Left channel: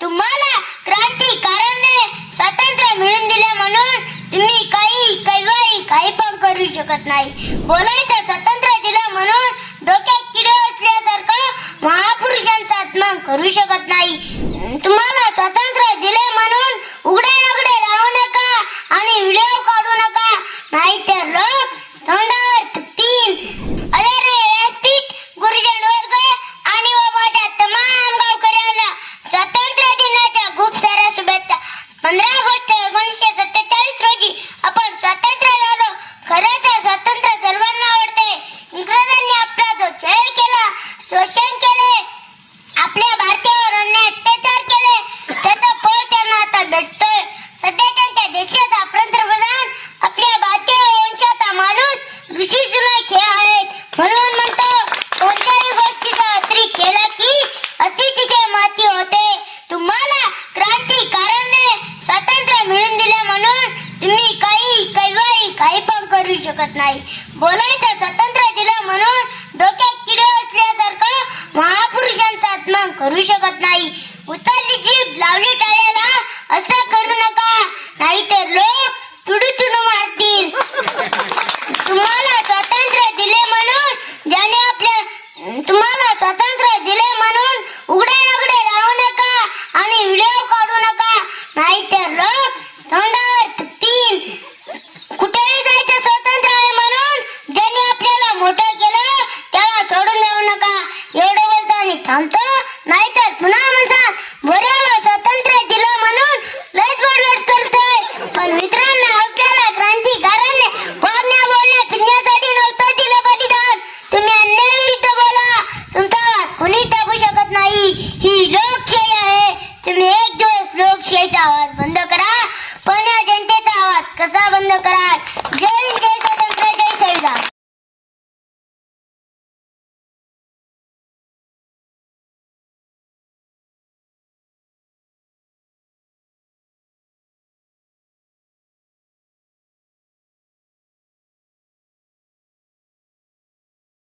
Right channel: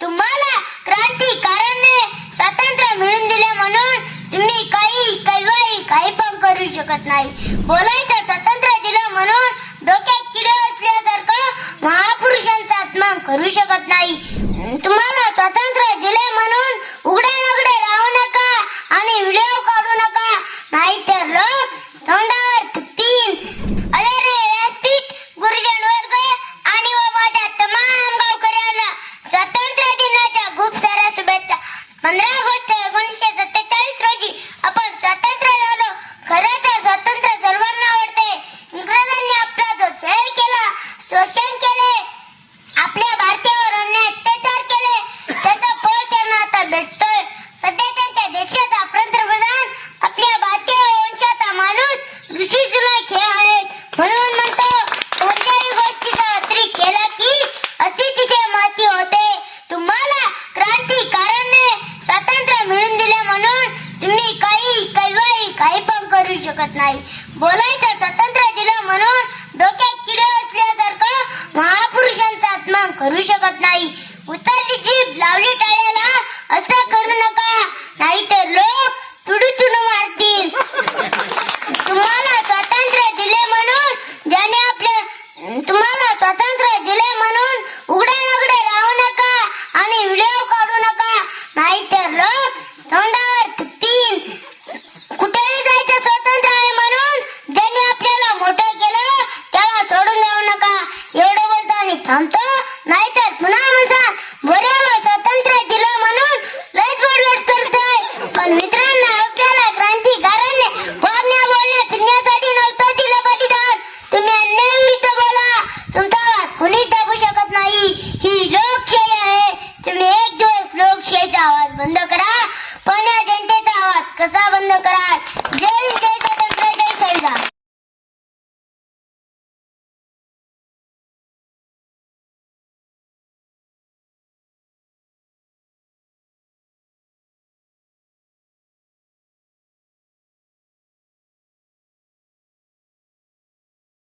तुम्हाला क्रांतिकारांनी स्वातंत्र्य मिळून दिले म्हणून तुम्ही काही काही काही पण करू शकत नाही. बोलायचं स्वातंत्र्य दिलं म्हणून डोक्यात किडे असल्यासारखं महापुरुषांचा अपमान करू शकत नाही. तुम्हाला स्वातंत्र्य दिले म्हणून उघड्या नगडे राहू नका आणि व्हिडिओ काढू नका नाहीतर लोक तोंडावर थुकतील अरे रे व्यासपीठ गुरुजन वर्ग आणि व माझ्या तमाम गावकऱ्यांना स्वातंत्र्य दिनाच्या खूप साऱ्या शुभेच्छा पंधरा ऑगस्ट एकोणीसशे सत्तेचाळीस रोजी आपण स्वातंत्र्य झालो. खरं तर स्वातंत्र्य सर्वांना आवडते. इंग्रजांनी आपला जो छळ केला शोषण केले. आपल्या भारतीयावर अन्याय अत्याचार केले. त्याचा फळ त्यांना आता भेटतोय. सध्या त्यांच्या देशाचा पंतप्रधान आपल्या भारतीय वंशाचा माणूस ऋषी सुना खेळ आहेत. म्हणून म्हणतो कोणत्याही गोष्टीचा अत्री केला की अति तिथे माती होते. तुम्हाला क्रांतिकारांनी स्वातंत्र्य मिळून दिले म्हणून तुम्ही काही काही काही पण करू शकत नाही. बोलायचं स्वातंत्र्य दिलं म्हणून डोक्यात किडे असल्यासारखं महापुरुषांचा आत्मा करू शकत नाही. उतरली जीभ लावली टाळ्याला असं करू नका. नाहीतर लोक तुडूतून मारतील. तुम्हाला स्वातंत्र्य दिले म्हणून ज्याने आपल्या तुम्हाला स्वातंत्र्य दिले म्हणून उघडे नगडे राहू नका आणि व्हिडिओ नाहीतर लोक तोंडावर थुकतील कुठेही जायचं स्वतंत्र आहे म्हणून ज्यांनी आपल्याला मोठं केलं त्याला सोडून जाऊ नका. एवढं बोलतो आणि थांबतो. नाहीतर पुन्हा म्हणतात बोऱ्याला स्वातंत्र्य दिलं म्हणून लयच बोलत करताय. पण मित्रांनो आपल्याला क्रांतिकाराने वागण्या बोलण्या फिरण्यासाठी नव्हतं दिलं बलिदान. तुम्ही अन्याय विरुद्ध बोला. तुमचा आवाज कुणी दाबू शकत नाही. ही लोकशाही आहे. तुम्ही एक दिवस लोकशाहीचा आवाज बंद करा. पण या जनतेचा आवाज कसा बंद करा